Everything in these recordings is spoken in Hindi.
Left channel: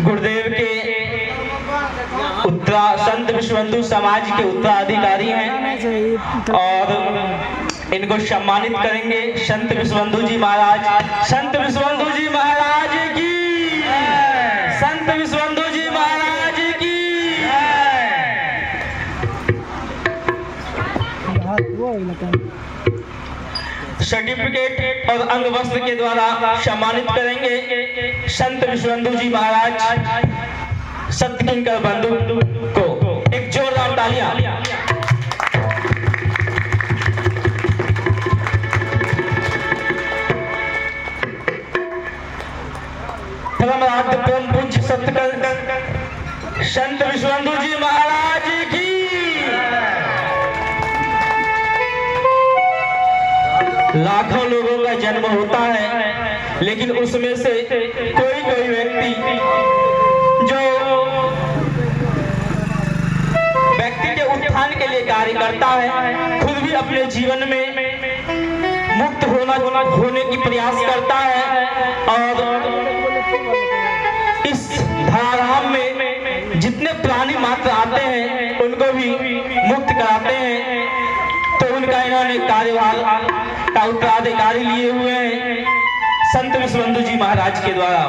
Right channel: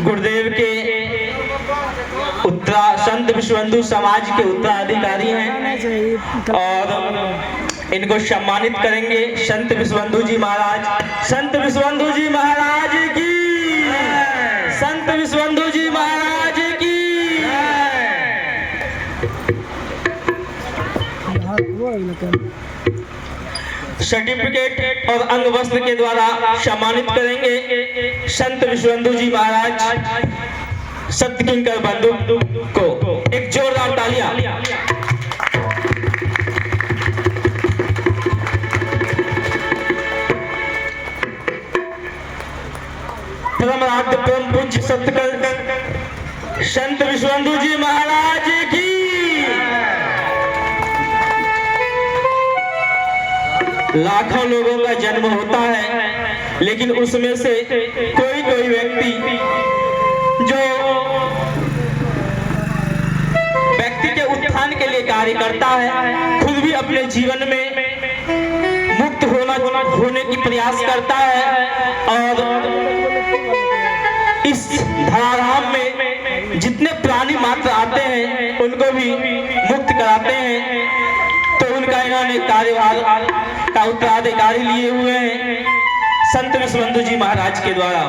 गुरुदेव के संत विश्वबंधु समाज के उत्तराधिकारी हैं और इनको सम्मानित करेंगे संत विश्वबंधु जी महाराज। संत विश्वबंधु जी महाराज की, संत विश्वबंधु जी महाराज की। सर्टिफिकेट और अंग वस्त्र के द्वारा सम्मानित करेंगे संत विश्वबंधु जी महाराज सत्य किंकर बंधु को। एक जोरदार तालियां। धर्मराज परम पूज्य सत्य संत विश्वबंधु जी महाराज की। लाखों लोगों का जन्म होता है, लेकिन उसमें से कोई कोई व्यक्ति जो व्यक्ति के उत्थान के लिए कार्य करता है, खुद भी अपने जीवन में मुक्त होने की प्रयास करता है और इस धराधाम में जितने प्राणी मात्र आते हैं उनको भी मुक्त कराते हैं। तो उनका इन्होंने कार्यभार का उत्तराधिकारी लिए हुए हैं संत विश्वबंधु जी महाराज के द्वारा।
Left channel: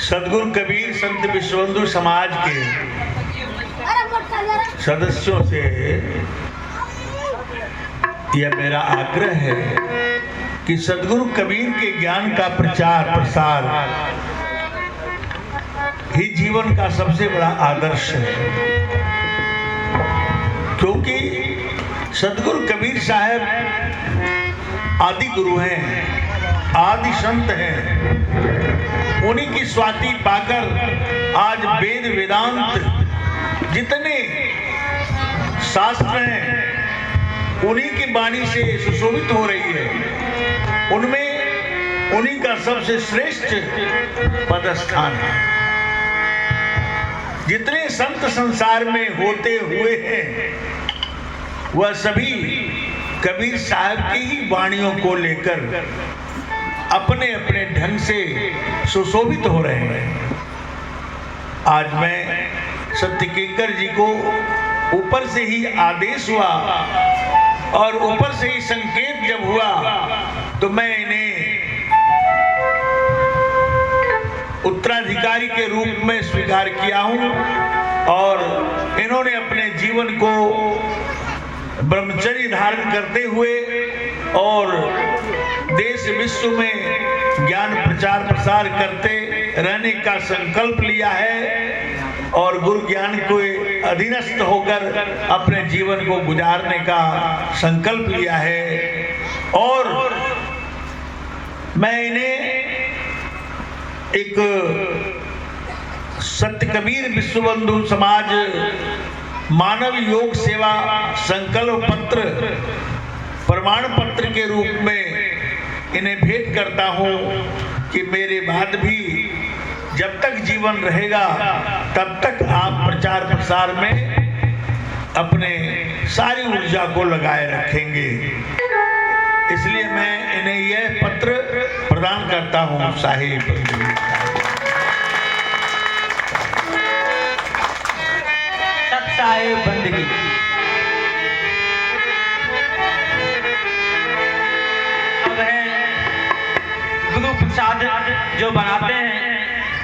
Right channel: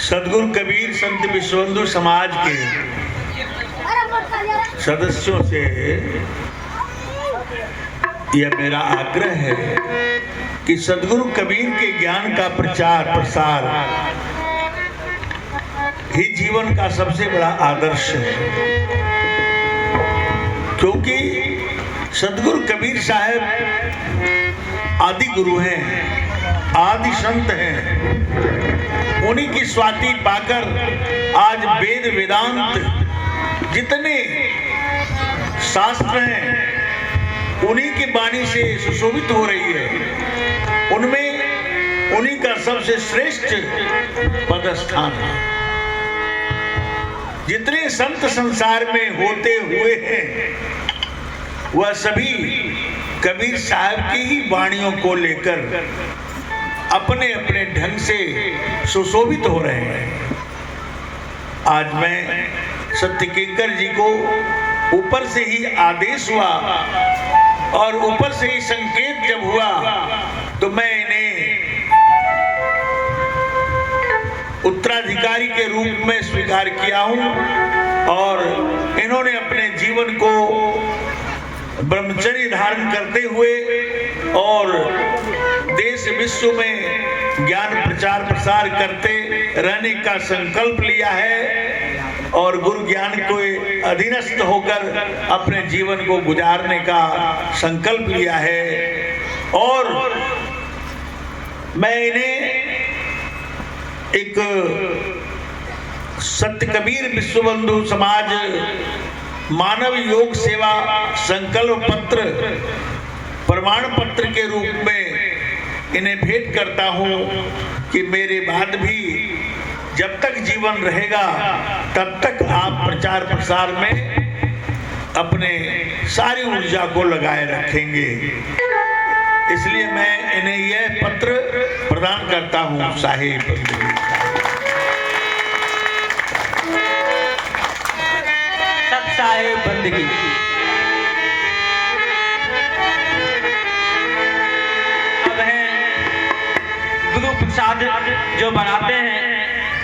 सदगुरु कबीर संत विश्वबंधु समाज के सदस्यों से यह मेरा आग्रह है कि सदगुरु कबीर के ज्ञान का प्रचार प्रसार ही जीवन का सबसे बड़ा आदर्श है, क्योंकि सदगुरु कबीर साहब आदि गुरु हैं, आदि संत हैं। उन्हीं की स्वाति पाकर आज वेद वेदांत जितने शास्त्र हैं उन्हीं की वाणी से सुशोभित हो रही है। उनमें उन्हीं का सबसे श्रेष्ठ पदस्थान है। जितने संत संसार में होते हुए हैं वह सभी कबीर साहब की ही वाणियों को लेकर अपने अपने ढंग से सुशोभित हो रहे हैं। आज मैं सत्य किंकर जी को ऊपर से ही आदेश हुआ और ऊपर से ही संकेत जब हुआ तो मैं इन्हें उत्तराधिकारी के रूप में स्वीकार किया हूं और इन्होंने अपने जीवन को ब्रह्मचर्य धारण करते हुए और देश विश्व में ज्ञान प्रचार प्रसार करते रहने का संकल्प लिया है और गुरु ज्ञान को अधीनस्थ होकर अपने जीवन को गुजारने का संकल्प लिया है। और मैं इन्हें एक सत्य कबीर विश्वबंधु समाज मानव योग सेवा संकल्प पत्र प्रमाण पत्र के रूप में इन्हें भेंट करता हूं कि मेरे बाद भी जब तक जीवन रहेगा तब तक आप प्रचार प्रसार में अपने सारी ऊर्जा को लगाए रखेंगे। इसलिए मैं इन्हें यह पत्र प्रदान करता हूं। साहिब बंदगी गुरु प्रसाद जो बनाते हैं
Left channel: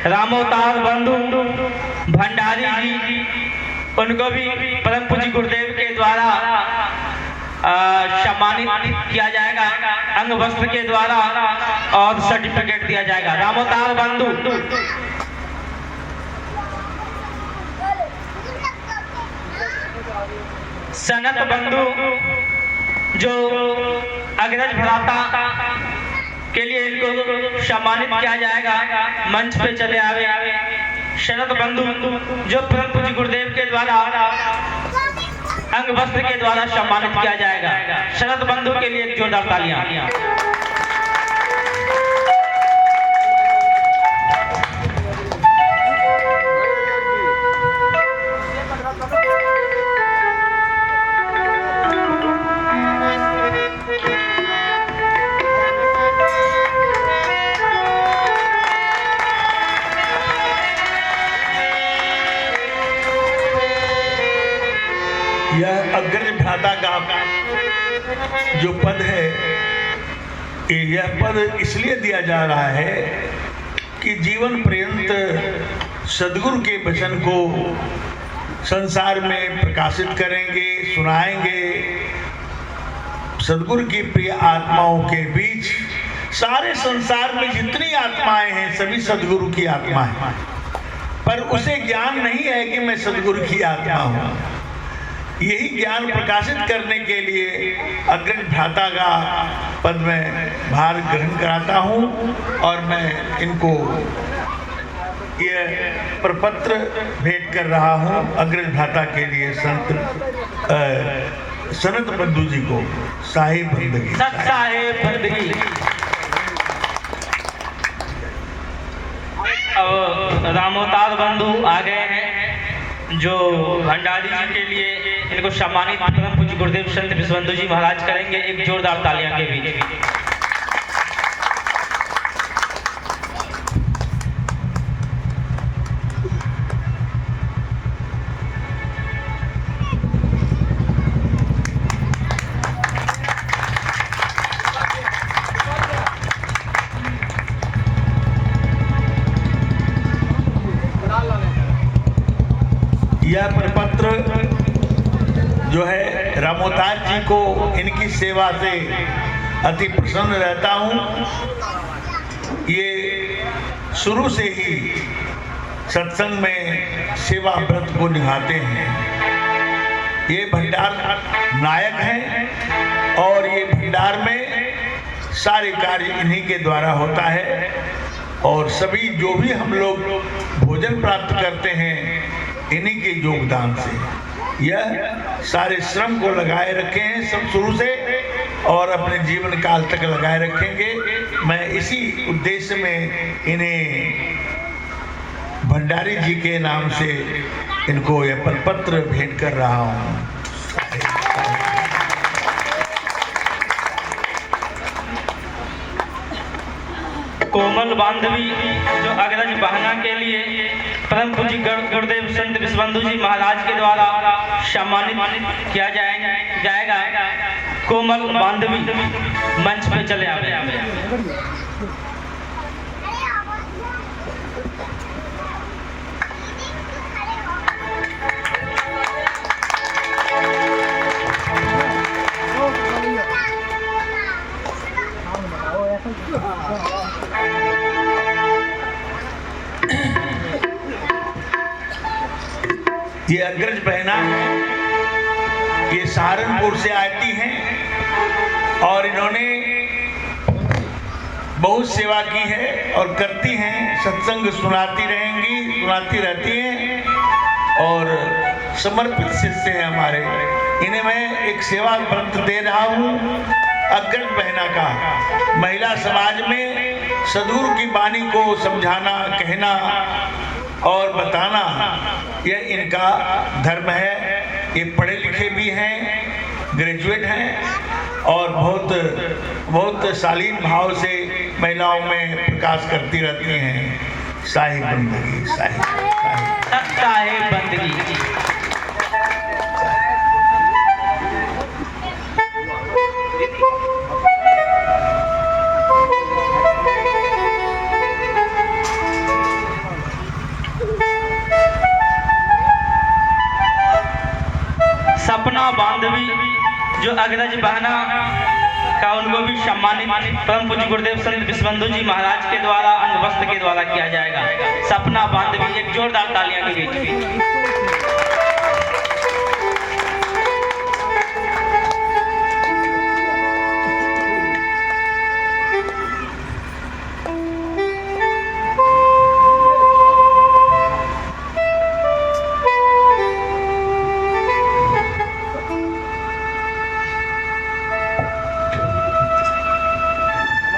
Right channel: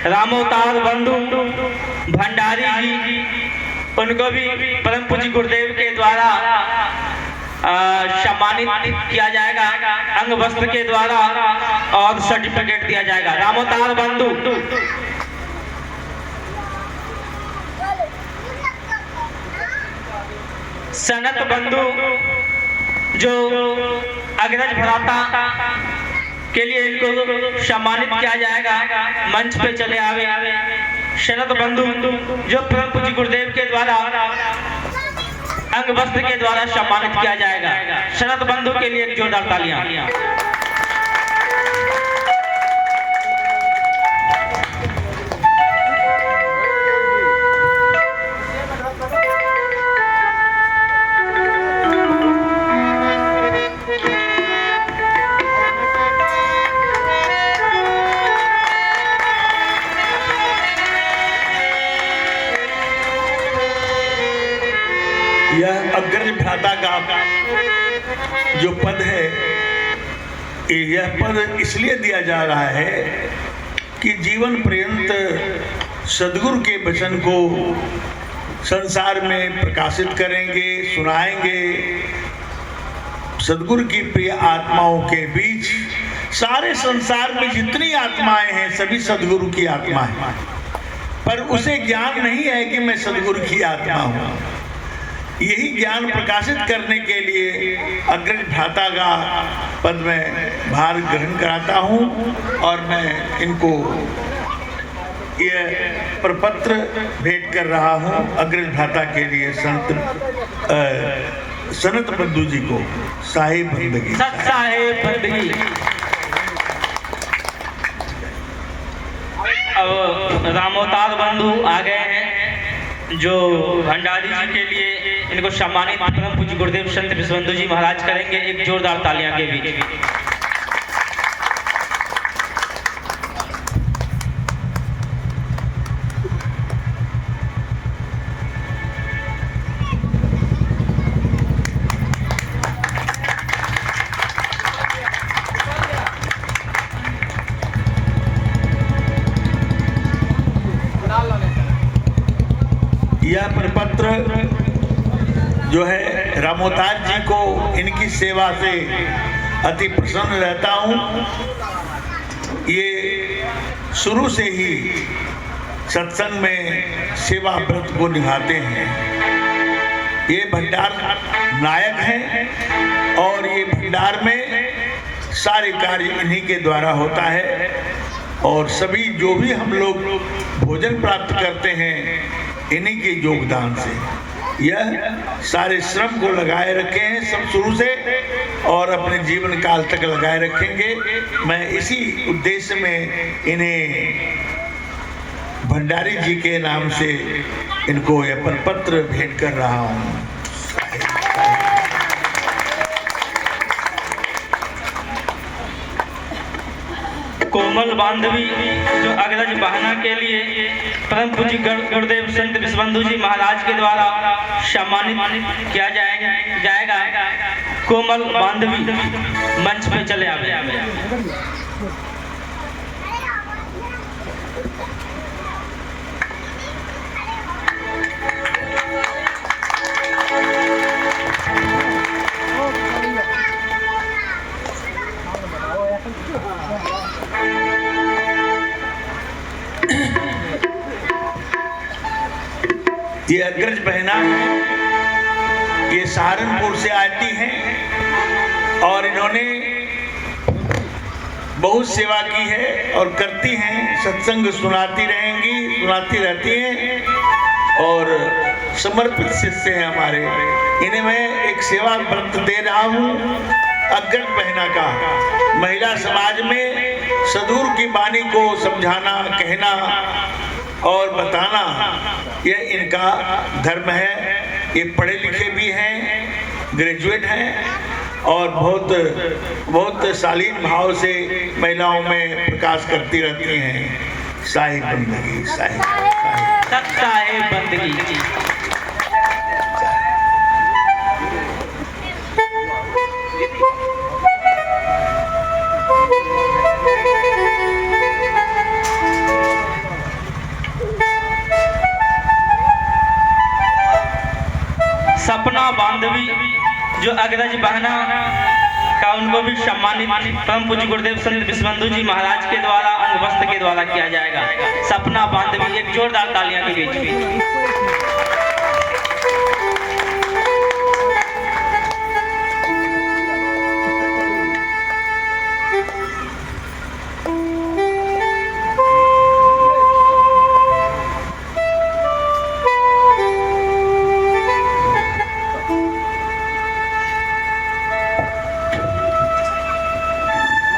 रामोतार बंधु भंडारी जी, उनको भी परम पूज्य गुरुदेव के द्वारा सम्मानित किया जाएगा अंग वस्त्र के द्वारा और सर्टिफिकेट दिया जाएगा। रामोतार बंधु सनत बंधु जो अग्रज भ्राता के लिए इनको सम्मानित किया जाएगा। मंच पे चले आवे। शरद बंधु जो परम पूज्य गुरुदेव के द्वारा अंग वस्त्र के द्वारा सम्मानित किया जाएगा। शरद बंधु के लिए जोरदार तालियां। यह अग्रज भ्राता का जो पद है, यह पद इसलिए दिया जा रहा है कि जीवन पर्यंत सदगुरु के वचन को संसार में प्रकाशित करेंगे, सुनाएंगे। सदगुरु की प्रिय आत्माओं के बीच सारे संसार में जितनी आत्माएं हैं सभी सदगुरु की आत्माएं हैं, पर उसे ज्ञान नहीं है कि मैं सदगुरु की आत्मा हूं। यही ज्ञान प्रकाशित करने के लिए अग्रज भ्राता का पद में भार ग्रहण कराता हूं और मैं इनको यह प्रपत्र भेंट कर रहा हूं अग्रज भ्राता के लिए सनत बंधु जी को। साहिब बंदगी, साहिब बंदगी। अब रामोतार बंधु आ गए हैं जो भंडारी जी के लिए इनको सम्मानित परम पूज्य गुरुदेव संत विश्वबंधु जी महाराज करेंगे। एक जोरदार तालियां के बीच। यह प्रपत्र जो है रामोतार जी को इनकी सेवा से अति प्रसन्न रहता हूँ। ये शुरू से ही सत्संग में सेवा व्रत को निभाते हैं। ये भंडार नायक हैं और ये भंडार में सारे कार्य इन्हीं के द्वारा होता है और सभी जो भी हम लोग भोजन प्राप्त करते हैं इन्हीं के योगदान से। यह सारे श्रम को लगाए रखे हैं सब शुरू से और अपने जीवन काल तक लगाए रखेंगे। मैं इसी उद्देश्य में इन्हें भंडारी जी के नाम से इनको यह पत्र भेंट कर रहा हूँ। कोमल बांधवी जो अग्रज बहना के लिए परम पूज्य गुरुदेव संत विश्वबंधु जी महाराज के द्वारा सम्मानित किया जाएगा। कोमल बांधवी मंच पे चले आवे। ये अग्रज बहना है, ये सहारनपुर से आती हैं और इन्होंने बहुत सेवा की है और करती हैं। सत्संग सुनाती रहती हैं और समर्पित शिष्य हैं हमारे। इन्हें मैं एक सेवा व्रत दे रहा हूँ अग्रज बहना का। महिला समाज में सदगुरु की वाणी को समझाना, कहना और बताना यह इनका धर्म है। ये पढ़े लिखे भी हैं, ग्रेजुएट हैं और बहुत शालीन भाव से महिलाओं में प्रकाश करती रहती हैं। साहिब बंदगी, साहिब बंदगी। सपना बांधवी जो अग्रज बहना का उनको भी सम्मानित परम पूज्य गुरुदेव संत विश्वबंधु जी महाराज के द्वारा अंगवस्त्र के द्वारा किया जाएगा। सपना बांधवी एक जोरदार तालियां के बीच।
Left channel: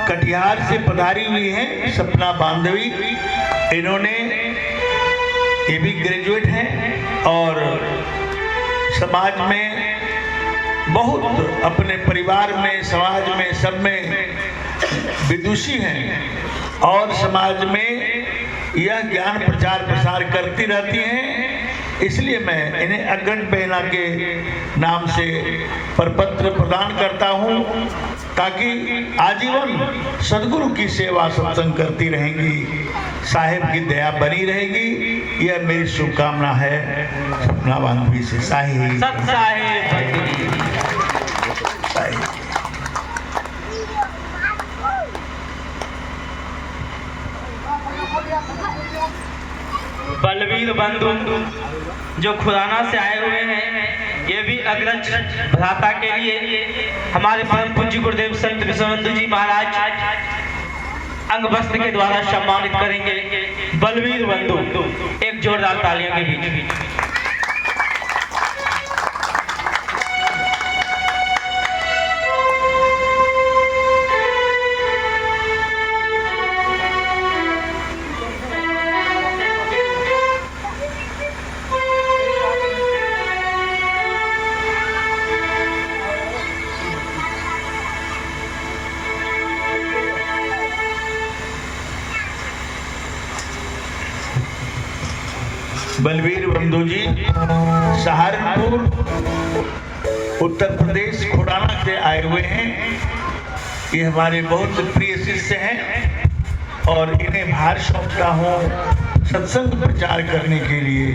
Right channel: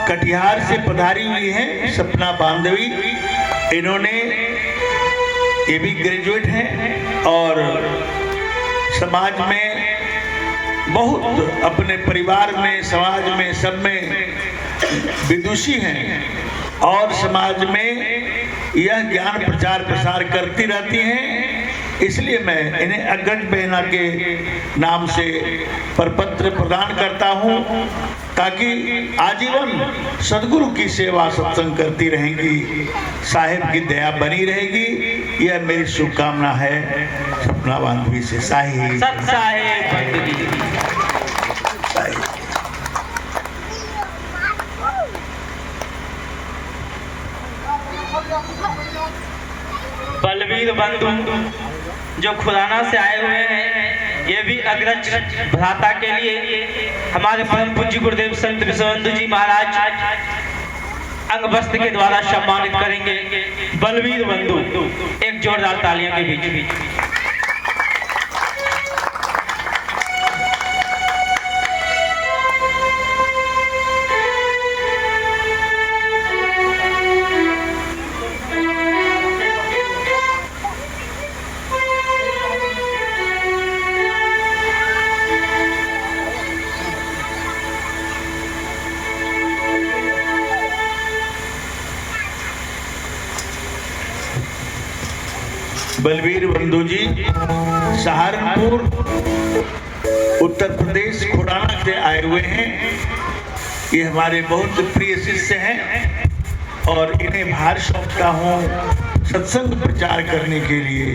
कटिहार से पधारी हुई हैं सपना बांधवी। इन्होंने ये भी ग्रेजुएट हैं और समाज में बहुत अपने परिवार में, समाज में, सब में विदुषी हैं और समाज में यह ज्ञान प्रचार प्रसार करती रहती हैं इसलिए मैं इन्हें अग्रज बहना के नाम से प्रपत्र प्रदान करता हूं, ताकि आजीवन सदगुरु की सेवा सत्संग करती रहेंगी, साहिब की दया बनी रहेगी। यह मेरी शुभकामना है सपना बांधवी से। साहिब सत साहिब बलवीर बंधु जो खुराना से आए हुए हैं, ये भी अग्रज भ्राता के लिए हमारे परम पूज्य गुरुदेव संत विश्वबंधु जी महाराज अंग वस्त्र के द्वारा सम्मानित करेंगे। बलवीर बंधु, एक जोरदार तालियां के बीच। बलवीर बंधु जी सहारनपुर उत्तर प्रदेश खुराना से आए हुए हैं। ये हमारे बहुत प्रिय शिष्य हैं और इन्हें भार सौंपता हूँ सत्संग प्रचार करने के लिए।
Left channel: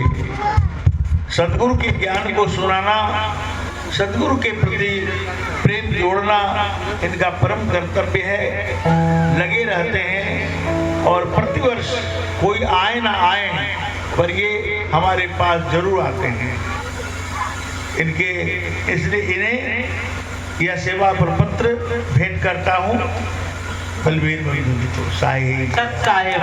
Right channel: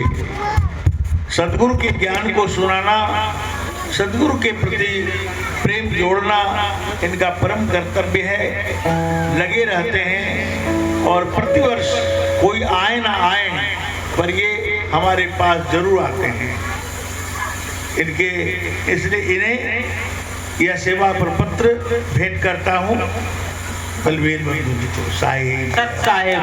सदगुरु के ज्ञान को सुनाना, सदगुरु के प्रति प्रेम जोड़ना इनका परम कर्तव्य है। लगे रहते हैं और प्रतिवर्ष कोई आए ना आए पर ये हमारे पास जरूर आते हैं। इनके इसलिए इन्हें यह सेवा प्रपत्र भेंट करता हूँ। बलवीर बंधु जी को साहिब सत साहिब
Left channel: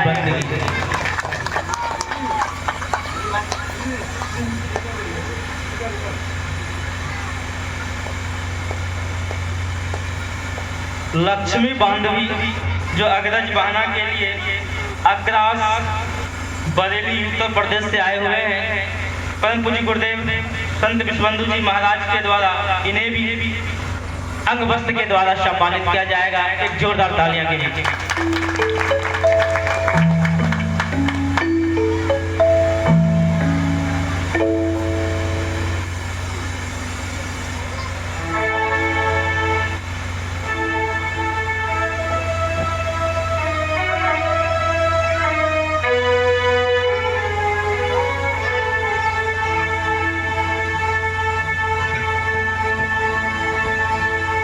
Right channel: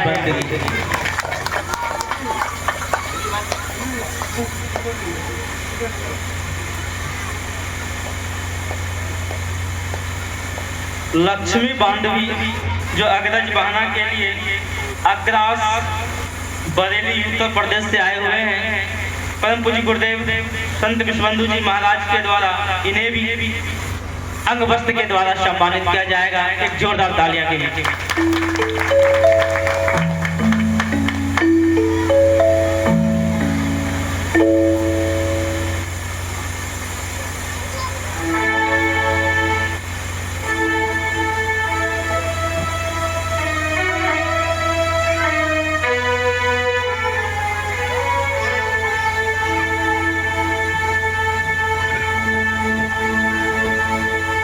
लक्ष्मी बांधवी जो अग्रज बहना के लिए अग्रास बरेली उत्तर प्रदेश से आए हुए हैं, परम पूज्य गुरुदेव संत विश्वबंधु जी महाराज के द्वारा इन्हें भी अंग वस्त्र के द्वारा सम्मानित किया जाएगा। एक जोरदार तालियां के नीचे।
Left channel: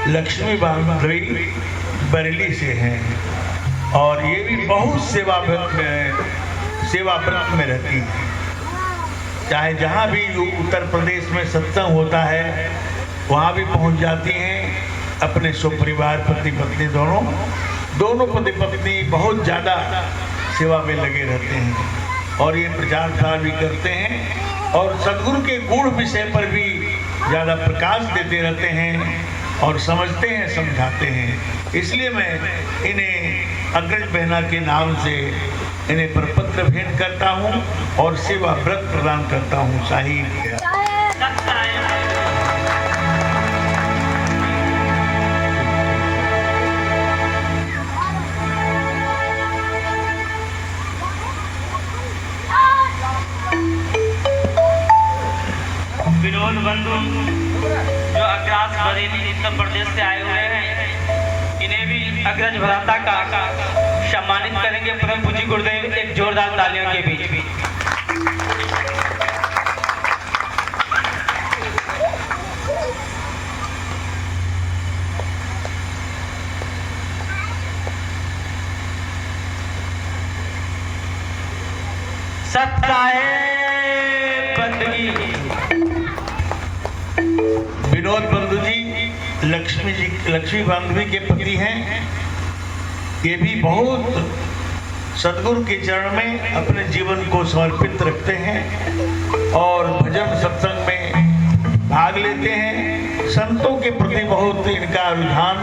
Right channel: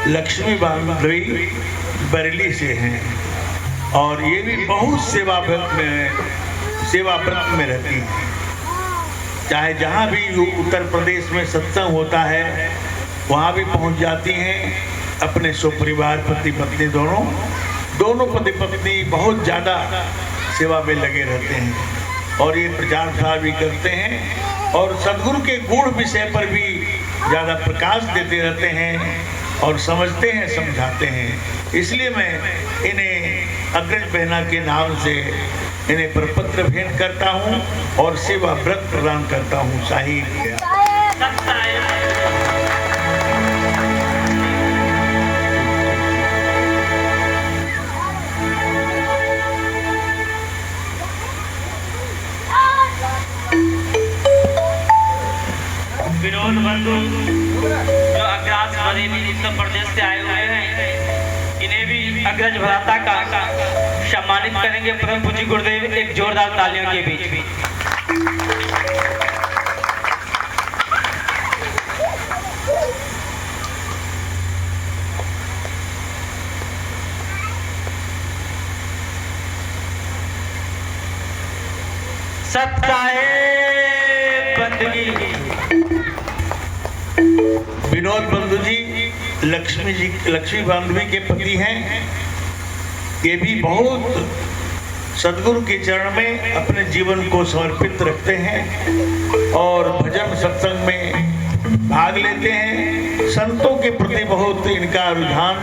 लक्ष्मी बांधवी बरेली से हैं और ये भी बहुत सेवा व्रत में रहती हैं। चाहे जहाँ भी उत्तर प्रदेश में सत्संग होता है वहाँ भी पहुँच जाती हैं। अपने स्वपरिवार पति पत्नी दोनों पति पत्नी बहुत ज़्यादा सेवा में लगे रहते हैं और ये प्रचार प्रसार भी करते हैं और सदगुरु के गुण विषय पर भी ज़्यादा प्रकाश देते रहते हैं और समझते हैं, समझाते हैं। इसलिए मैं इन्हें अग्रज बहना के नाम से इन्हें प्रपत्र भेंट करता हूँ और सेवा व्रत प्रदान करता हूँ। साहिब विनोद बंधु जो अग्रास बरेली उत्तर प्रदेश से आए हुए हैं, इन्हें भी अग्रज भ्राता का सम्मानित करेंगे परम पूज्य गुरुदेव। एक जोरदार तालियों के बीच भी। विनोद बंधु जी लक्ष्मी बांधवी के पति हैं। ये भी बहुत सदगुरु के चरण में अपने जीवन को समर्पित रखते हैं और भजन सत्संग में भाग लेते हैं। संतों के प्रति बहुत इनका रुझान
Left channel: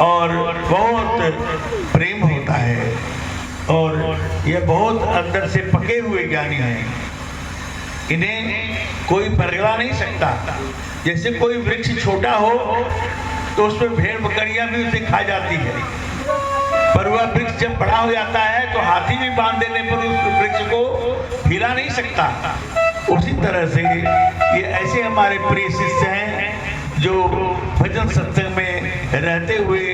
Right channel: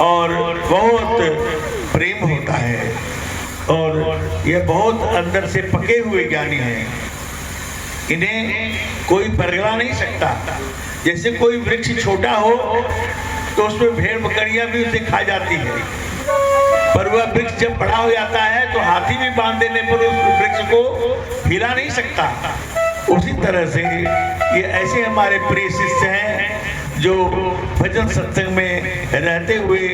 और बहुत प्रेम होता है और यह बहुत अंदर से पके हुए ज्ञानी हैं। इन्हें कोई परगला नहीं सकता। जैसे कोई वृक्ष छोटा हो तो उसमें भेड़ बकरियां भी उसे खा जाती है, पर वह वृक्ष जब बड़ा हो जाता है तो हाथी भी बांध देने पर उस वृक्ष को हिला नहीं सकता। उसी तरह से ये ऐसे हमारे प्रिय शिष्य हैं जो भजन सत्संग में रहते हुए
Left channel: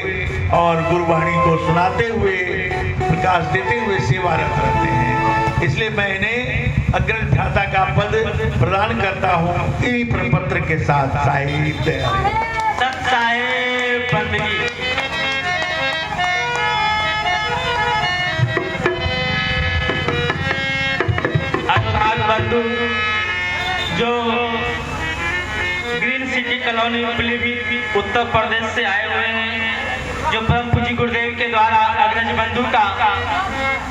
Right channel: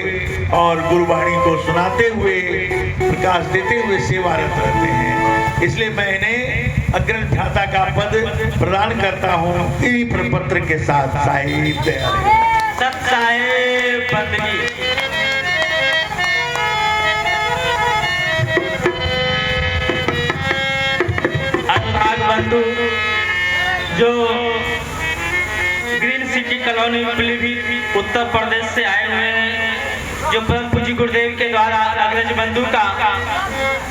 और गुरुवाणी को सुनाते हुए प्रकाश देते हुए सेवारत रहते हैं। इसलिए मैं इन्हें अग्रज भ्राता का पद प्रदान करता हूँ इन्हीं प्रपत्र के साथ। साहिब सत साहेब बंदगी। बंधु जो green city colony Pilibhit Uttar Pradesh से आए हुए हैं, जो परम पूज्य गुरुदेव के द्वारा अग्रज बंधु का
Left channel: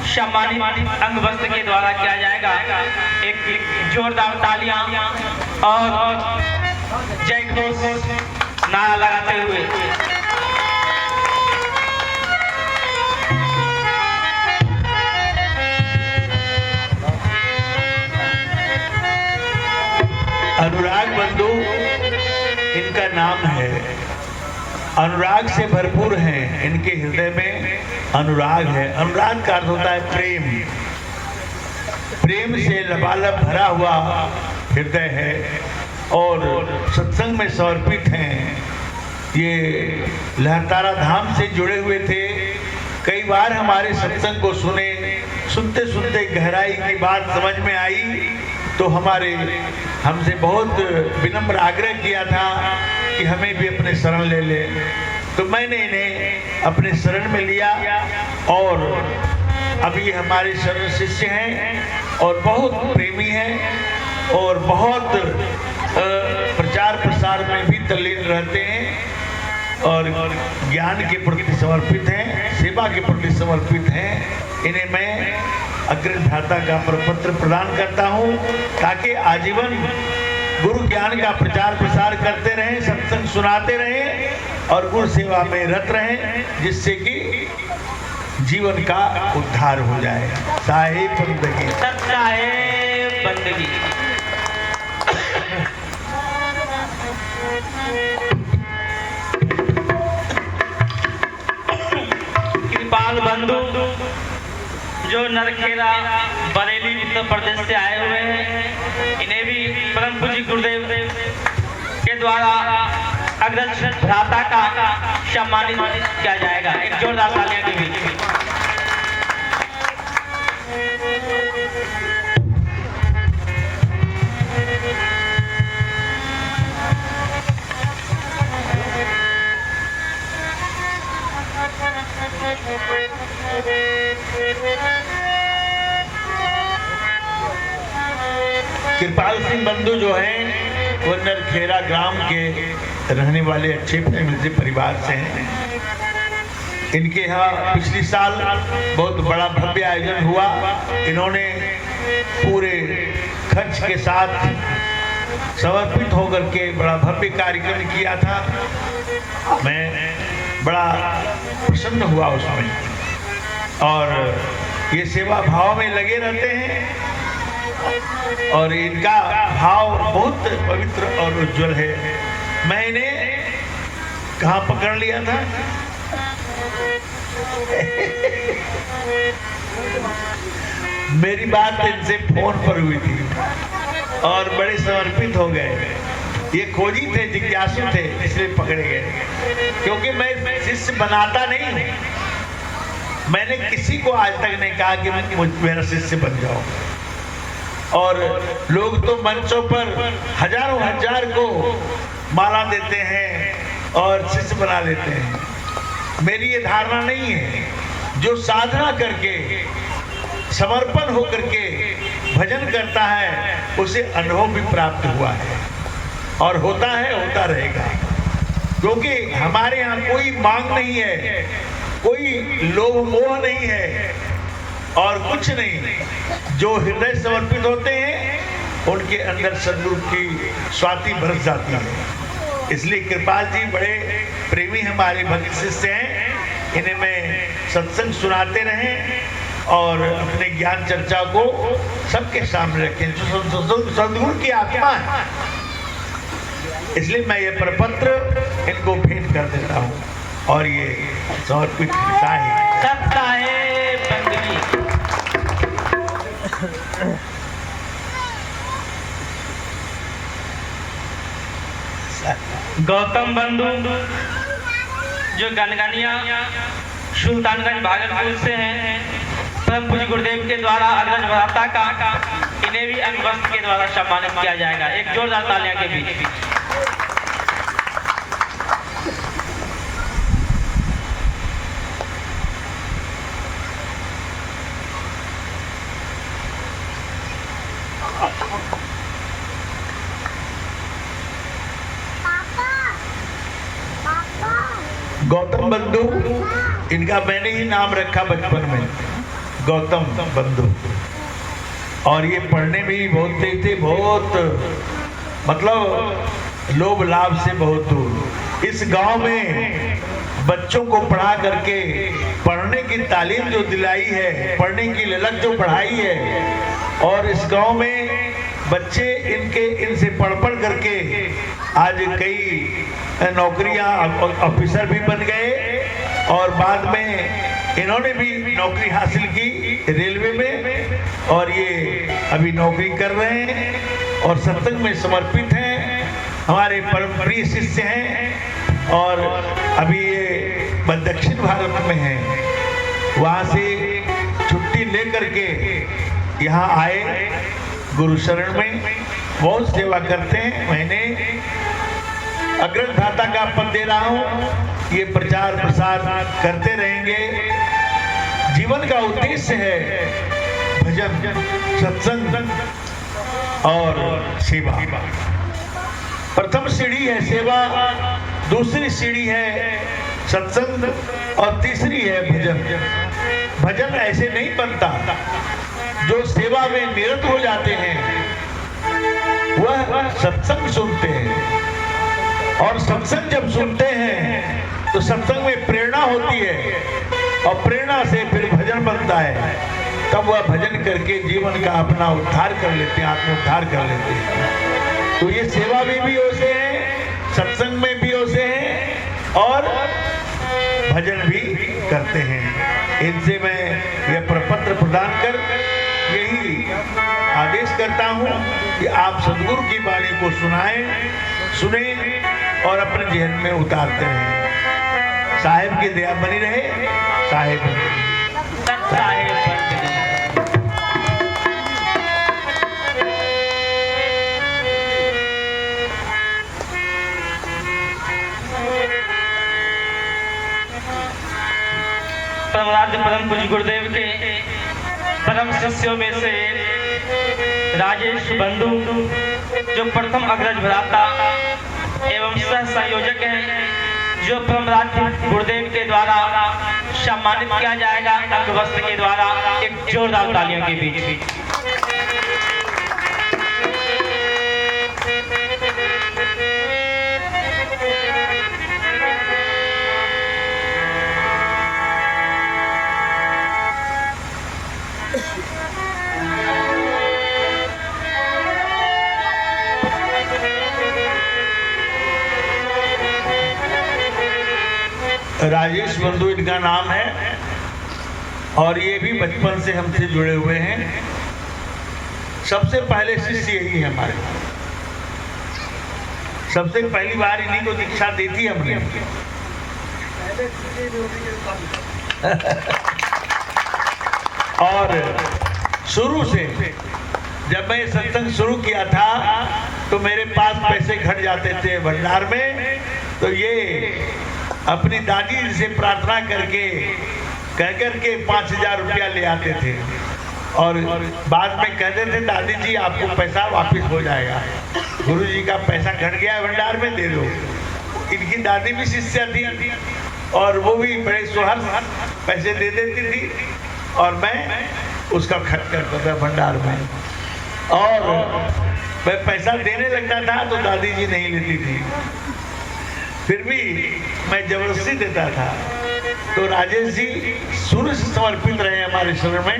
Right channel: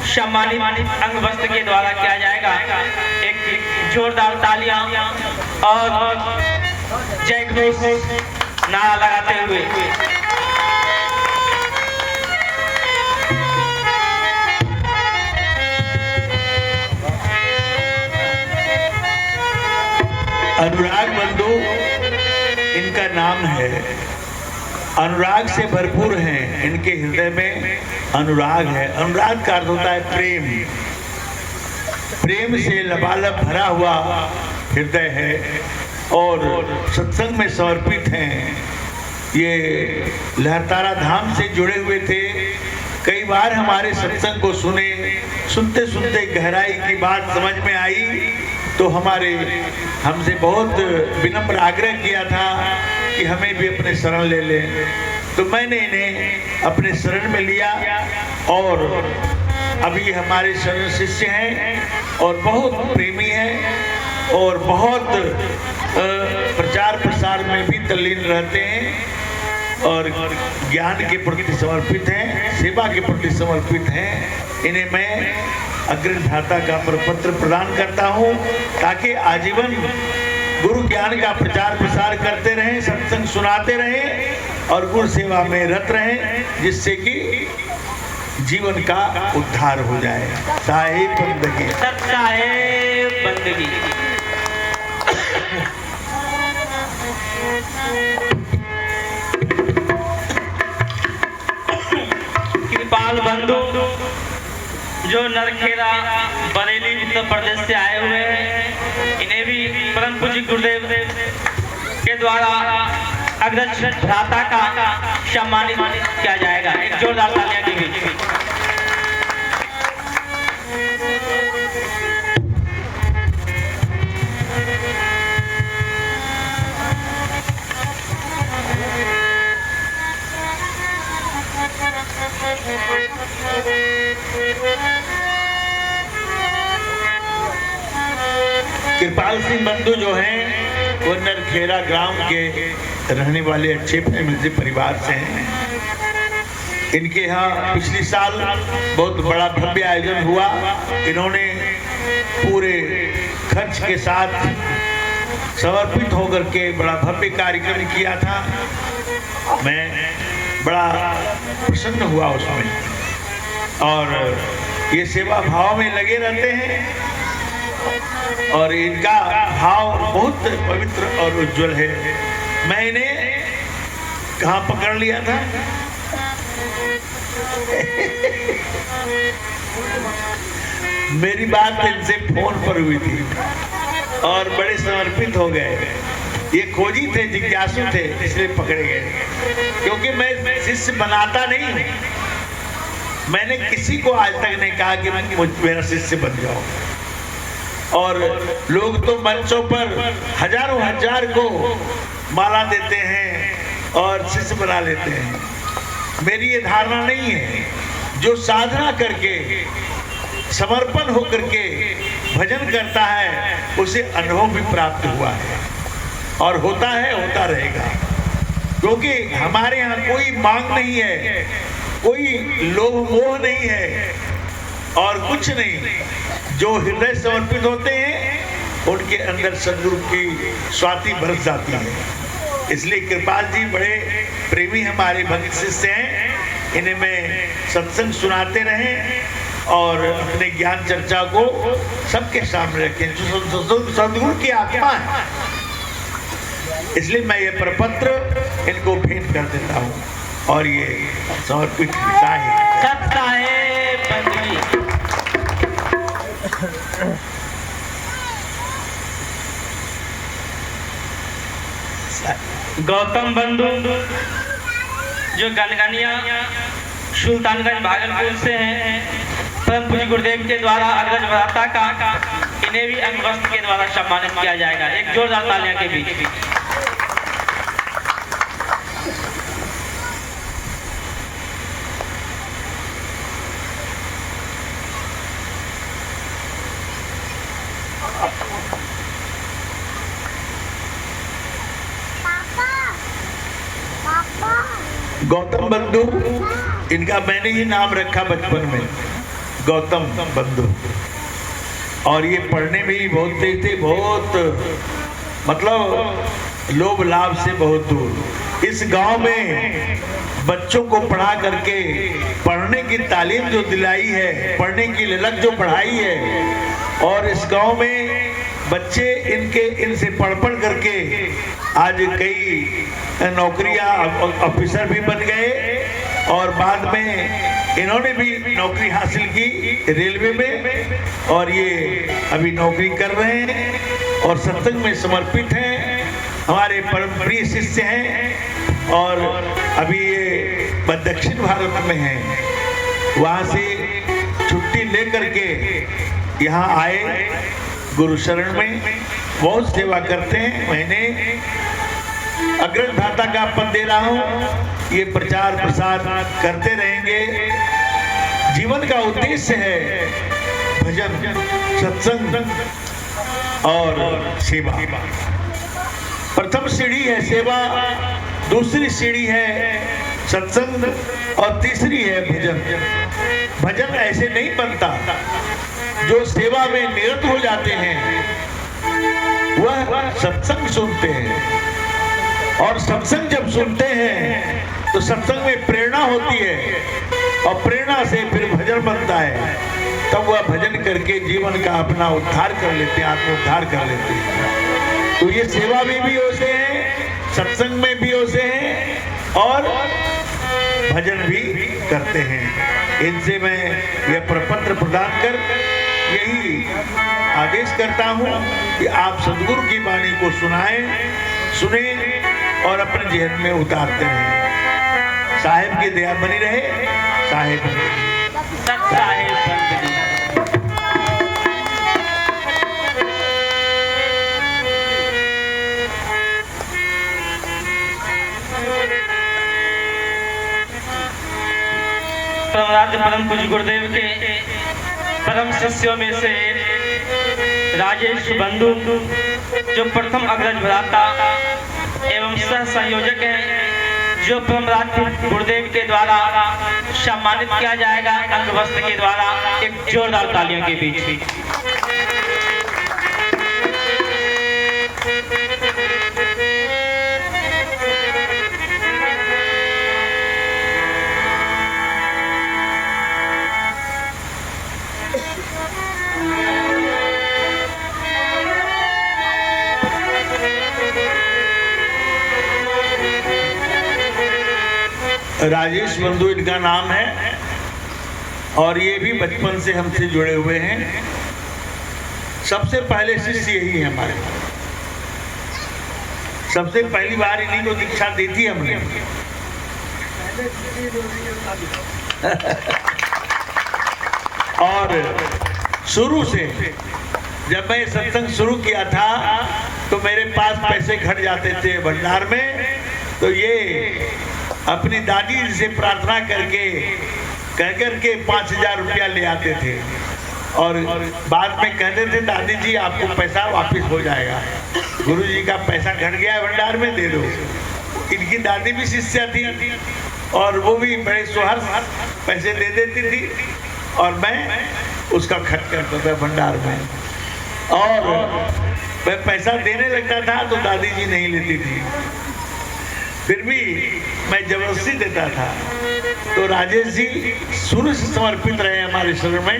सम्मानित अंग वस्त्र के द्वारा किया जाएगा। एक जोरदार तालियां और जय घोष नारा लगाते हुए अनुराग बंधु इनका नाम है। अनुराग से भरपूर हैं, इनके हृदय में अनुराग है। अनुराग का अर्थ होता है प्रेम। प्रेम से लबालब भरा हुआ हृदय है और सत्संग में समर्पित हैं। ये लहरतारा धाम से जुड़े हुए थे। कई बार हमारे सत्संग को सुने, सुनते सुनते गहराई की बात समझ में आई तो हमसे बहुत विनम्र आग्रह किया था कि हमें भी अपने शरण ले लें। तो मैंने इन्हें अपने शरण में लिया और अभी हमारे शरण शिष्य हैं और बहुत प्रेमी हैं और बहुत प्रचार प्रसार में भी तल्लीन रहते हैं और ज्ञान के प्रति समर्पित हैं, सेवा के प्रति समर्पित हैं। इन्हें मैं अग्रज भ्राता का प्रपत्र प्रदान करता हूँ ताकि आजीवन गुरु ज्ञान का प्रचार प्रसार करते रहें, सत्संग सुनाते रहें और गुरु सेवा में रत रहें, जिससे कि जीवन का उद्धार हो जाए। साहिब बंदगी। साहिब बंदगी। कृपाल बंधु जो नरखेड़ा बरेली उत्तर प्रदेश से आए हुए हैं, इन्हें भी परम पूज्य गुरुदेव के द्वारा अग्रज भ्राता का सम्मानित किया जाएगा। एक जोरदार तालियां दीजिए। कृपाल सिंह बंधु जो हैं वो नरखेड़ा गांव के रहने वाले अच्छे फैमिली परिवार से हैं। इनके यहाँ पिछले साल बहुत बड़ा भव्य आयोजन हुआ। इन्होंने पूरे खर्च के साथ समर्पित होकर के बड़ा भव्य कार्यक्रम किया था। मैं बड़ा प्रसन्न हुआ उसमें और ये सेवा भाव में लगे रहते हैं और इनका भाव बहुत पवित्र और उज्जवल है। मैं इन्हें कहाँ पकड़ लिया था मेरी बात इनसे फोन पर हुई थी और बड़े समर्पित हो गए। ये खोजी थे, जिज्ञासु थे, इसलिए पकड़े गए। क्योंकि मैं शिष्य बनाता नहीं हूँ, मैंने किसी को आज तक नहीं कहा कि मेरा शिष्य बन जाओ। और लोग तो मंचों पर हजारों हजार को माला देते हैं और शिष्य बना लेते हैं। मेरी ये धारणा नहीं है। जो साधना करके समर्पण होकर के भजन करता है उसे अनुभव भी प्राप्त हुआ है और होता है, होता रहेगा। क्योंकि हमारे यहाँ कोई मांग नहीं है, कोई लोभ मोह नहीं है और कुछ नहीं। जो हृदय समर्पित होते हैं उनके अंदर सद्गुरु की स्वाति बरस जाती है। इसलिए कृपाल जी बड़े प्रेमी हमारे भक्त शिष्य हैं। इन्हें मैं सत्संग सुनाते रहें और अपने ज्ञान चर्चा को सबके सामने रखें। जो सद्गुरु की आत्मा है, इसलिए मैं ये प्रपत्र इनको भेंट कर देता हूँ और ये समर्पित है। गौतम बंधु जो गनगनिया सुल्तानगंज भागलपुर से हैं, परम पूज्य गुरुदेव के द्वारा अग्रज भ्राता का इन्हें भी अंग वस्त्र के द्वारा सम्मानित किया जाएगा। एक जोरदार तालियां के बीच। गौतम बंधु, इनका मैंने ही नाम रखा बचपन में, गौतम बंधु। और ये पढ़ने में ही बहुत तेज थे, बहुत मतलब लोभ लाभ से बहुत दूर। इस गांव में बच्चों को पढ़ा करके पढ़ने की तालीम जो दिलाई है, पढ़ने की ललक जो पढ़ाई है, और इस गांव में बच्चे इनसे पढ़ करके आज कई नौकरियां, ऑफिसर भी बन गए, और बाद में इन्होंने भी नौकरी हासिल की रेलवे में, और ये अभी नौकरी कर रहे हैं और सत्संग में समर्पित हैं। हमारे परम प्रिय शिष्य हैं और अभी ये दक्षिण भारत में हैं। वहाँ से छुट्टी लेकर के यहाँ आए गुरु शरण में, बहुत सेवा करते हैं। मैंने अग्रज भ्राता का पद दे रहा हूँ, ये प्रचार प्रसार करते रहेंगे। जीवन का उद्देश्य है भजन, सत्संग और सेवा। प्रथम सीढ़ी है सेवा, दूसरी सीढ़ी है सत्संग और तीसरी है भजन। भजन ऐसे नहीं बनता, जो सेवा में निरत हो जाते हैं वह सत्संग सुनते हैं, और सत्संग जब सुनते हैं तो सत्संग में प्रेरणा होती है, और प्रेरणा से फिर भजन बनता है। तब वह भजन करके जीवन का अपना उद्धार कर लेते हैं, आत्मोद्धार कर लेते हैं। तो ये सेवा में भी वैसे हैं, सत्संग में भी वैसे हैं, और भजन भी करते हैं। इनसे मैं यह प्रपत्र प्रदान कर यही आदेश करता हूँ कि आप सदगुरु की वाणी को सुने और अपने जीवन में उतारते रहें। साहेब की दया बनी रहे। साहेब परम पूज्य गुरुदेव के परम शिष्यों में से राजेश बंधु जो प्रथम अग्रज भ्राता एवं सह संयोजक हैं, जो परम गुरुदेव के द्वारा सम्मानित किया जाएगा अंग वस्त्र के द्वारा। एक जोरदार तालियों के बीच। राजेश बंधु इनका नाम है, और ये भी बचपन से हमसे जुड़े हुए हैं। सबसे पहले शिष्य यही है हमारे, सबसे पहली बार इन्हीं को दीक्षा दी थी हमने। और शुरू से जब मैं सत्संग शुरू किया था तो मेरे पास पैसे घट जाते थे भंडार में, तो ये अपनी दादी से प्रार्थना करके कहकर के 5,000 रुपया ले आते थे, और बाद में कहते थे दादी जी आपको पैसा वापस हो जाएगा, गुरु जी का पैसा घट गया भंडार में, दे दो। इनकी दादी भी शिष्या थी और वो भी बड़े सुहर पैसे दे देती थी, और मैं उसका खर्च करता था भंडार में। और मैं पैसा देने लगता था तो दादी जी नहीं लेती थी, फिर भी मैं जबरदस्ती देता था। तो राजेश जी शुरू से समर्पित रहे हमारे शरण में,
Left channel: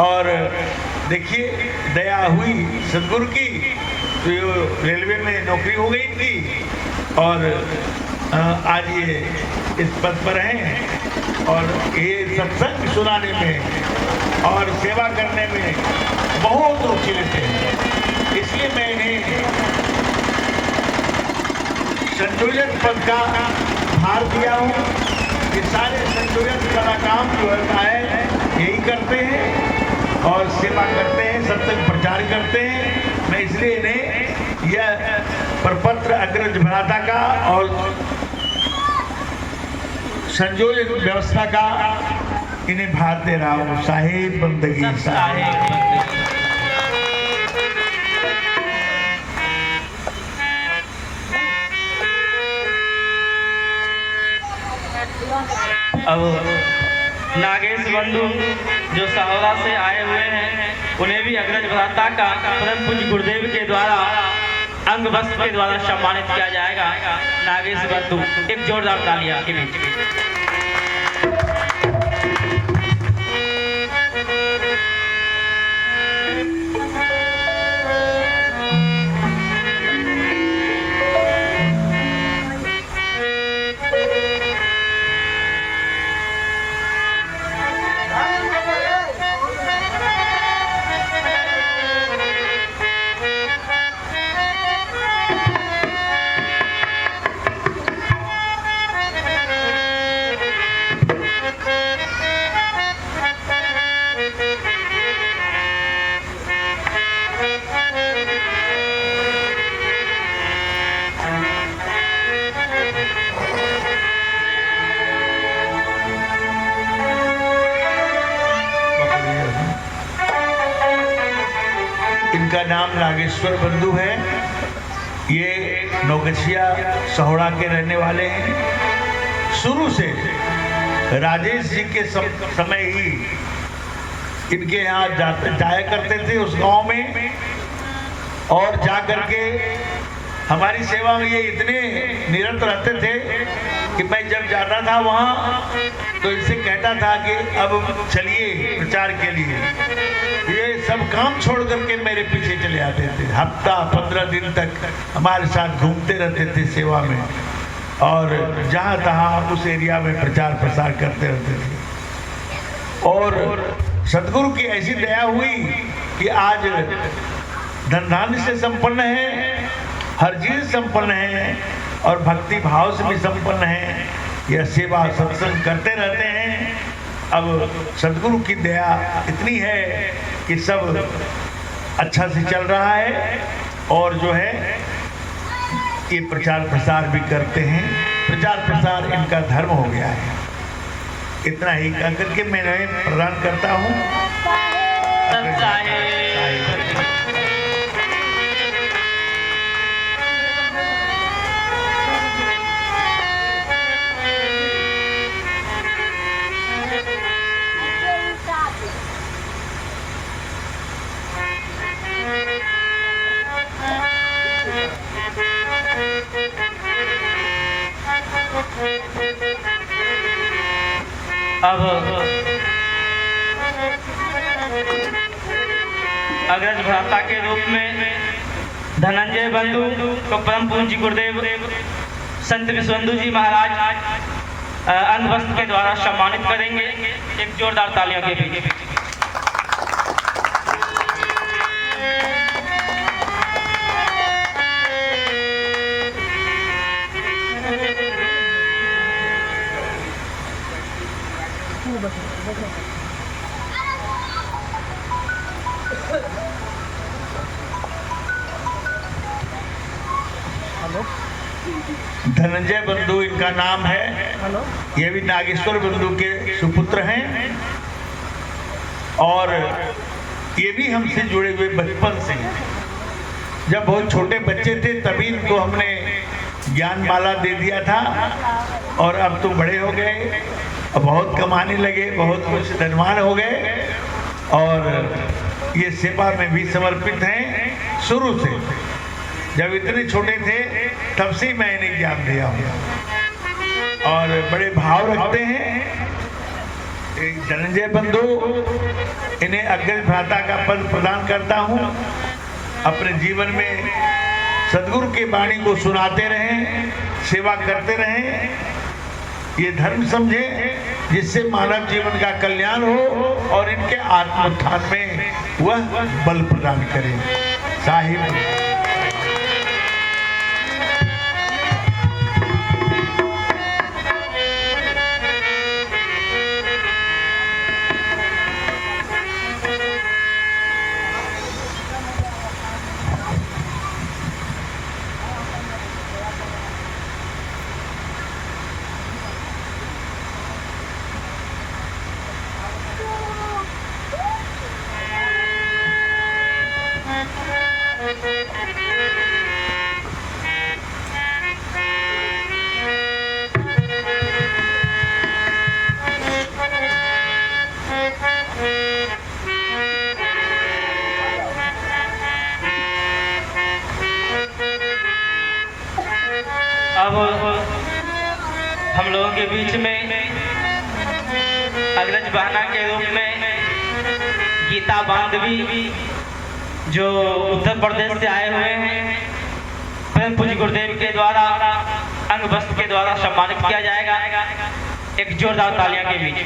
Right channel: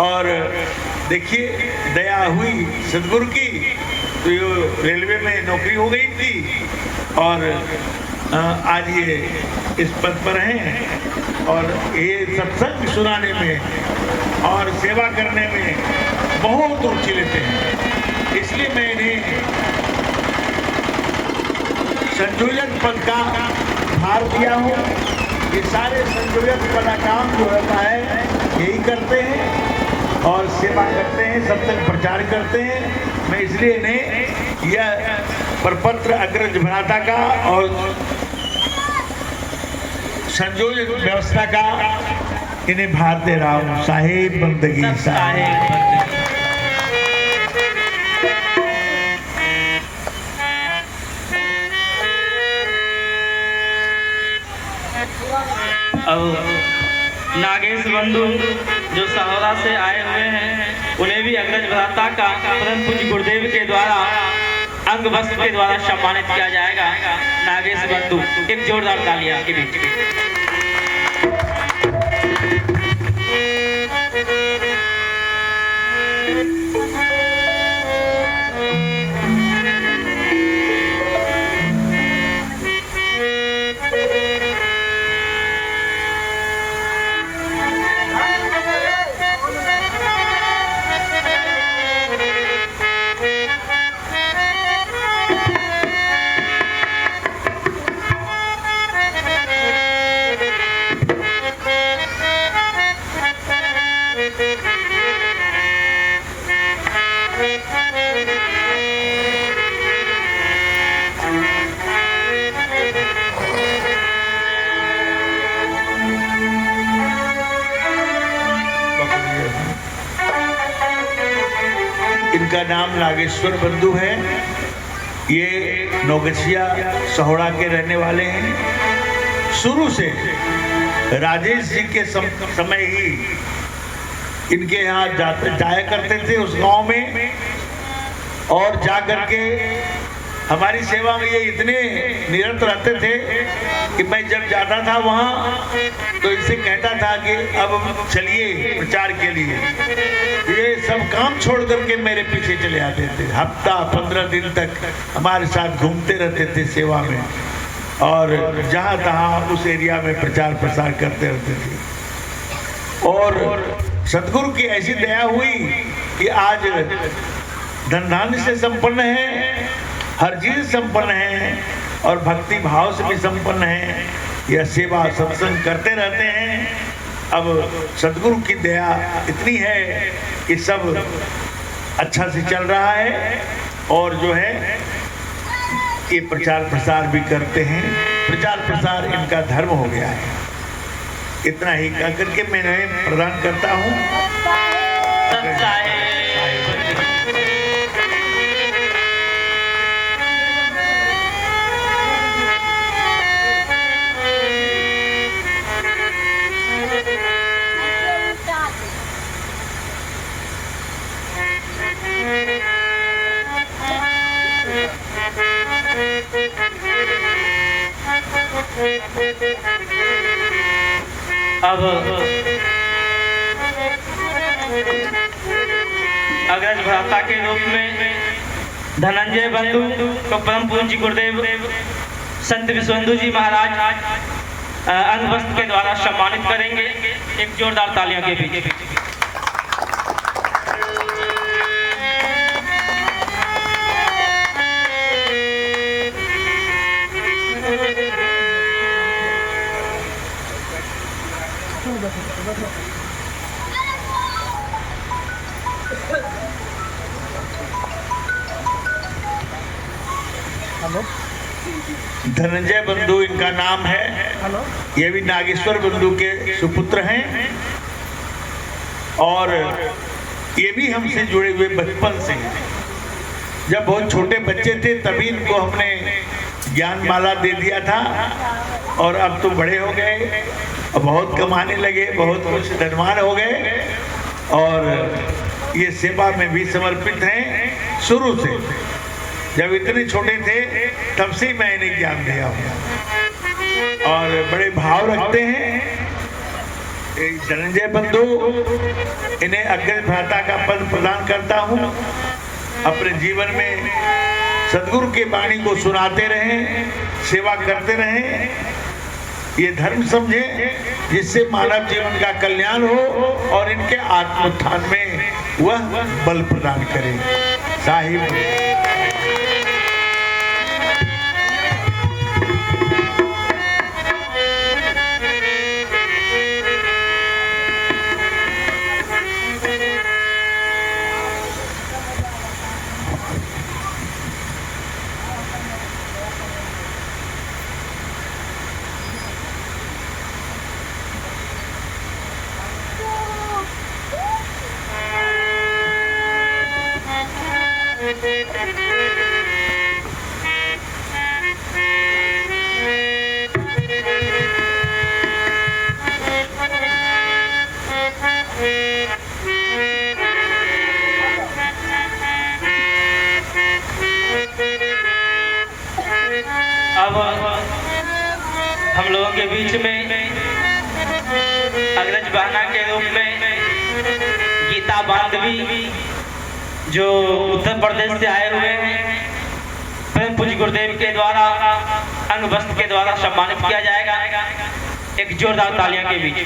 और देखिए दया हुई सदगुरु की, तो रेलवे में नौकरी हो गई थी, और आज ये इस पद पर हैं, और ये सत्संग सुनाने में और सेवा करने में बहुत रुचि लेते हैं। इसलिए मैं इन्हें संयोजक पद का भार दिया हूँ। ये सारे संयोजक पद का काम जो है यही करते हैं और सेवा करते हैं, सत्संग प्रचार करते हैं। मैं इसलिए इन्हें यह प्रपत्र अग्रज भ्राता का और संयोजक व्यवस्था का इन्हें भार दे रहा हूँ। साहिब बंदगी साहिब। अब नागेश बंधु जो सहोरा से आए हुए हैं, उन्हें भी अग्रज भ्राता का परम पूज्य गुरुदेव के द्वारा अंग वस्त्र के द्वारा सम्मानित किया जाएगा। नागेश बंधु, एक जोरदार तालियां आपके बीच में। इनका नाम नागेश्वर बंधु है। ये नौगछिया सहोड़ा के रहने वाले हैं। शुरू से राजेश जी के समय ही इनके यहाँ जाया करते थे उस गांव में, और जा करके हमारी सेवा में ये इतने निरत रहते थे कि मैं जब जाता था वहाँ तो इनसे कहता था कि अब चलिए प्रचार के लिए। ये सब काम छोड़ करके मेरे पीछे चले आते थे। हफ्ता 15 दिन तक हमारे साथ घूमते रहते थे सेवा में, और जहाँ तहाँ उस एरिया में प्रचार प्रसार करते रहते थे। और सदगुरु की ऐसी दया हुई कि आज धन धान्य से संपन्न है, हर चीज संपन्न है, और भक्ति भाव से भी संपन्न है। यह सेवा सत्संग करते रहते हैं। अब सदगुरु की दया इतनी है कि सब अच्छा से चल रहा है, और जो है ये प्रचार प्रसार भी करते हैं। प्रचार प्रसार इनका धर्म हो गया है। इतना ही कह करके मैं प्रदान करता हूँ। अब अग्रज भ्राता के रूप में धनंजय बंधु को परम पूज्य गुरुदेव संत विश्वबंधु जी महाराज अंग वस्त्र के द्वारा सम्मानित करेंगे। एक जोरदार तालियों के बीच। धनंजय बंधु इनका नाम है। ये भी नागेश्वर बंधु के सुपुत्र हैं, और ये भी हमसे जुड़े हुए बचपन से। जब बहुत छोटे बच्चे थे तभी इनको हमने ज्ञान माला दे दिया था, और अब तो बड़े हो गए, बहुत कमाने लगे, बहुत कुछ धनवान हो गए, और ये सेवा में भी समर्पित हैं शुरू से। जब इतने छोटे थे तब से मैं इन्हें ज्ञान दिया हूँ, और बड़े भाव रखते हैं। धनंजय बंधु, इन्हें अग्रज भ्राता का पद प्रदान करता हूँ। अपने जीवन में सदगुरु की वाणी को सुनाते रहें, सेवा करते रहें, ये धर्म समझे जिससे मानव जीवन का कल्याण हो और इनके आत्मोत्थान में वह बल प्रदान करे। साहिब अब हम लोगों के बीच में अग्रज बहना के रूप में गीता बांधवी जो उत्तर प्रदेश से आए हुए हैं, परम पूज्य गुरुदेव के द्वारा अंगवस्त्र के द्वारा सम्मानित किया जाएगा। एक जोरदार तालियां के बीच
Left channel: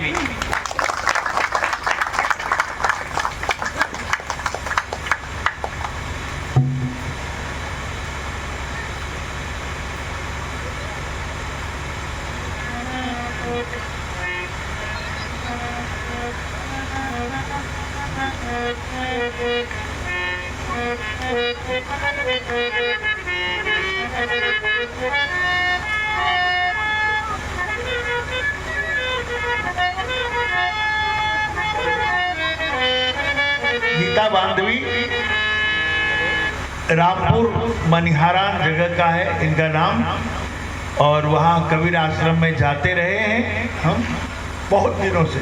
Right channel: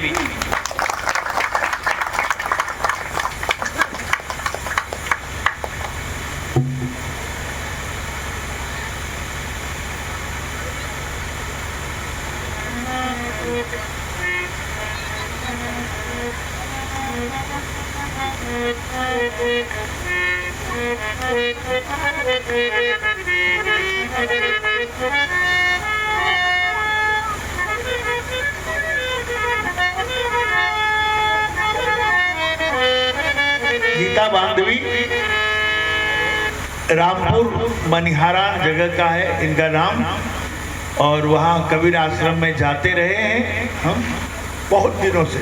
गीता बांधवी रामपुर मनिहारा जगह का है इनका नाम, और वहाँ कबीर आश्रम में जाते रहे हैं हम बहुत दिनों से।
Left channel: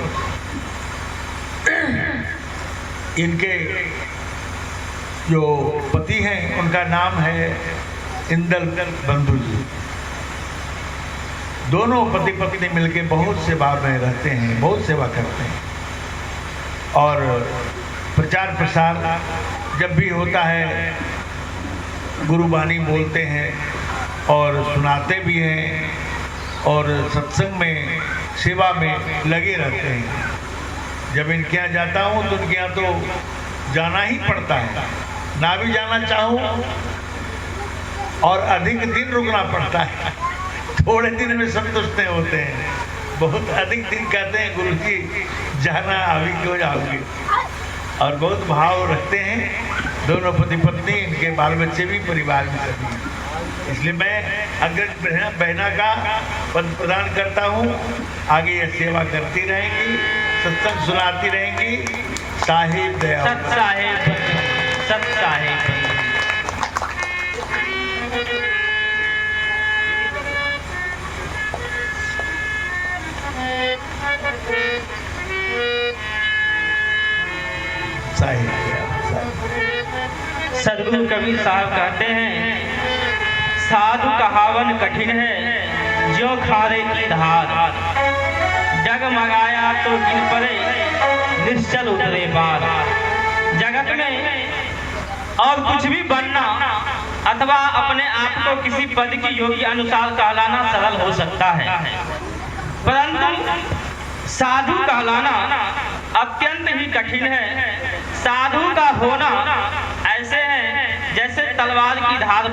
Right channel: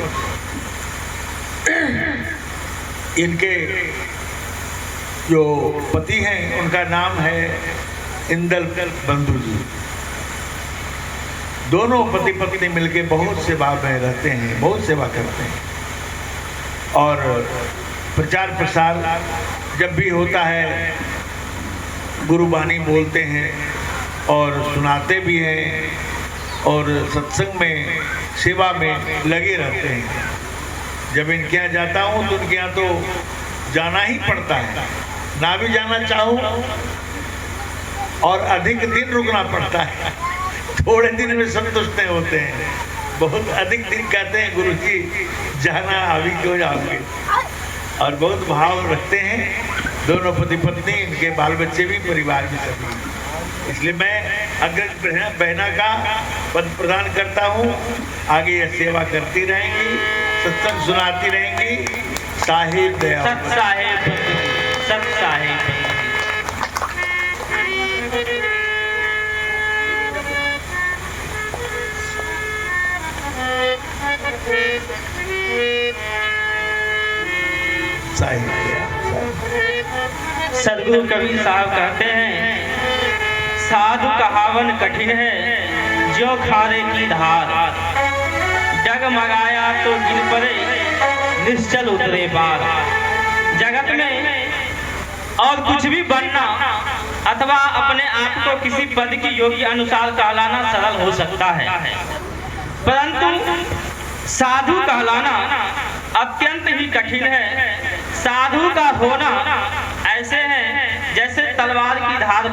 इनके जो पति हैं उनका नाम है इंदल बंधु जी। दोनों पति पत्नी मिलके बहुत सेवा में रहते हैं, बहुत सेवा करते हैं, और प्रचार प्रसार जब भी होता है गुरुबानी बोलते हैं और सुनाते भी हैं, और सत्संग में सेवा में लगे रहते हैं। जब इनके यहाँ जाता हूँ तो इनके यहाँ तो जाना ही पड़ता है, ना भी जाना चाहूँ और अधिक दिन रुकना पड़ता है। थोड़े दिन में संतुष्ट नहीं होते हैं, बहुत अधिक दिन कहते हैं गुरु जी जाना अभी क्यों जाओगे, और बहुत भाव रखते हैं दोनों पति पत्नी, इनके बाल बच्चे भी, परिवार भी सभी। इसलिए मैं अग्रज बहना का पद प्रदान करता हूँ। आगे यह सेवा करती रहेंगी, सत्संग सुनाती रहेंगी। साहिब दया सत साहेब, सत साहेब। सदगुरु कबीर साहब कहते हैं, साधु कहावन कठिन है जो खारे की धार, डगमगाया तो गिन पड़े निश्चल उतरे बार। जगत में और कुछ भी बनना अथवा अपने आप को किसी पद की योग्य अनुसार कहलाना सरल हो सकता है, परंतु साधु कहलाना अत्यंत ही कठिन है। साधु का होना ऐसे है जैसे तलवार की धार